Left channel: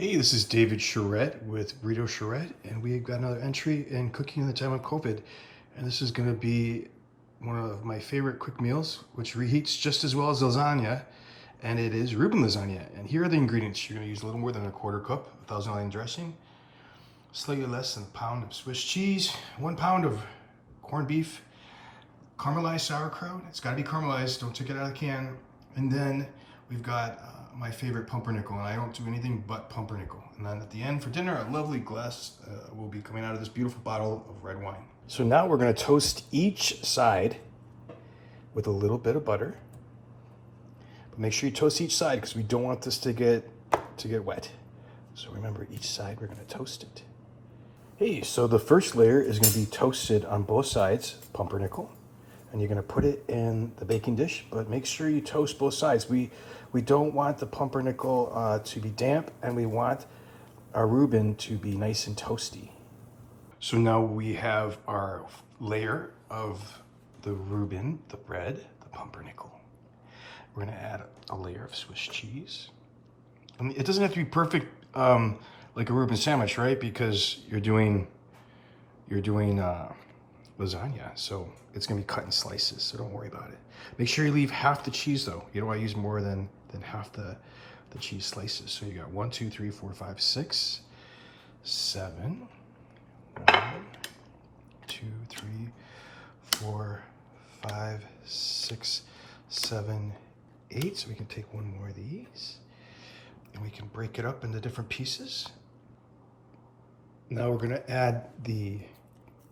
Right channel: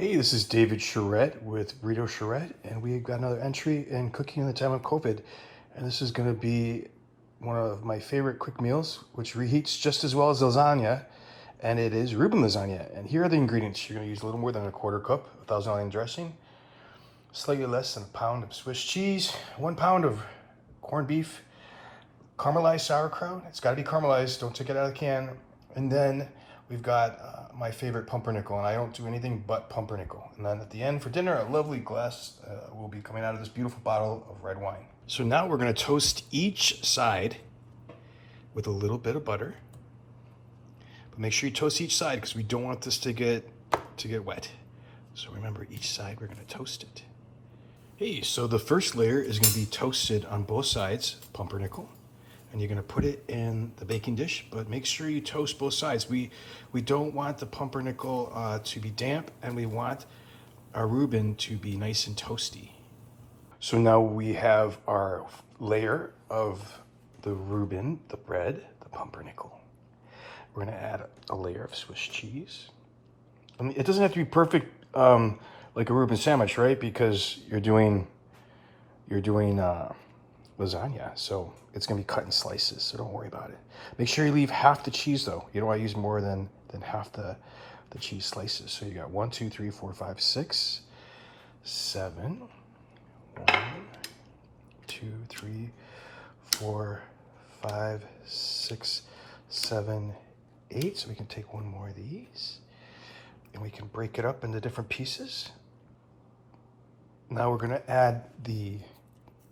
Hey, this is David Charette with Britto Charette, and we've got another entry in cooking in the time of COVID. And this is going to be one of my favorite quick meals, which reheats just as well as lasagna, and it is Reuben lasagna. And here are the ingredients. You're going to use a little more than a quarter cup of Thousand Island dressing, slightly less than a pound of Swiss cheese, 1 pound of corned beef, caramelized sauerkraut. It's got to be caramelized. Don't take it out of the can. And then we've got my favorite pumpernickel, and I don't do anything but pumpernickel. And then at the end for dinner, a lovely glass will be coming out of this beautiful bottle of red wine. So now we're going to toast each side with a little bit of butter. But make sure you toast each side because we don't want this to get wet. So remember, each side we're going to toast it. Hey, so the first layer is going to be toasted on both sides, pumpernickel. And you're going to put it in the baking dish, but make sure you toast both sides. We don't want the pumpernickel to be damp, and we want our Reuben to be nice and toasty. So now we have our layer of the Reuben, the bread, the pumpernickel. We're going to add a layer of Swiss cheese. And it doesn't have to be perfect like a Reuben sandwich, right? Because you're doing lasagna, so it's going to be cut in slices, so don't worry about it. Make sure you leave half the cheese though. You don't want to use more than half the cheese slices. So you got 1, 2, 3, 4, 5, 6, 7, 1, 2, 3, 4, 5, 6, 7, 8. So we can take one more of these and we can break it up into different pieces. Now we're going to add the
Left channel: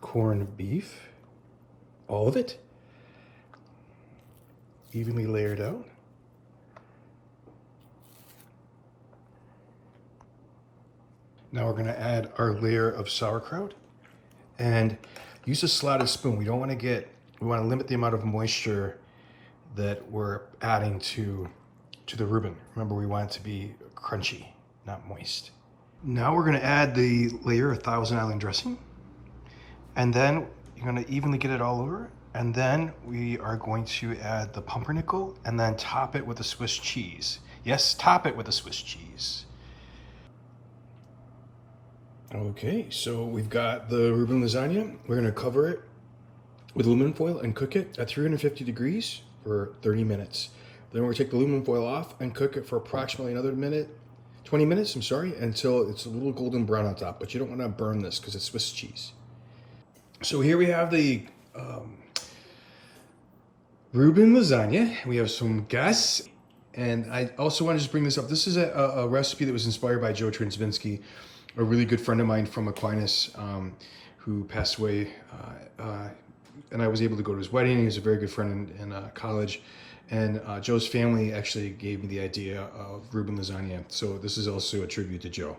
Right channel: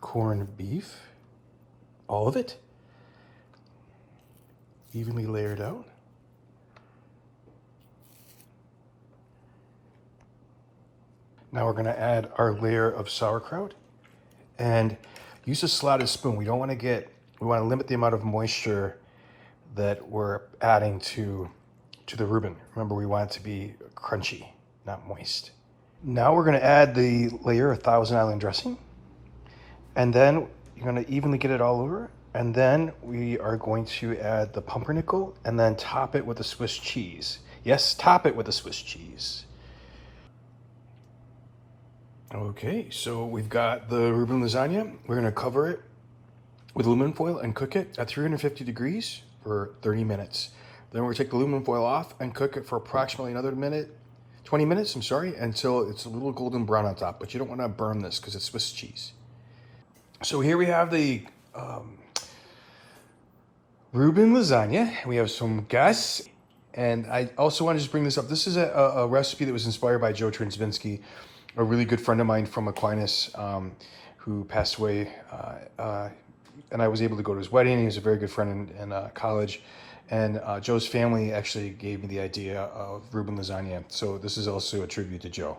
corned beef, all of it, evenly layered out. Now we're going to add our layer of sauerkraut and use a slotted spoon. We want to limit the amount of moisture that we're adding to the Reuben. Remember, we want it to be crunchy, not moist. Now we're going to add the layer of Thousand Island dressing. And then you're going to evenly get it all over. And then we are going to add the pumpernickel and then top it with a Swiss cheese. Yes, top it with a Swiss cheese. Okay, so we've got the Reuben lasagna. We're going to cover it with aluminum foil and cook it at 350 degrees for 30 minutes. Then we're going to take the aluminum foil off and cook it for approximately another 20 minutes, until it's a little golden brown on top. But you don't want to burn this because it's Swiss cheese. So here we have the Reuben lasagna. We have some gas. And I also want to just bring this up. This is a recipe that was inspired by Joe Transvinsky, a really good friend of mine from Aquinas, who passed away. And I was able to go to his wedding. He was a very good friend in college. And Joe's family actually gave me the idea of Reuben lasagna. So this is also a tribute to Joe.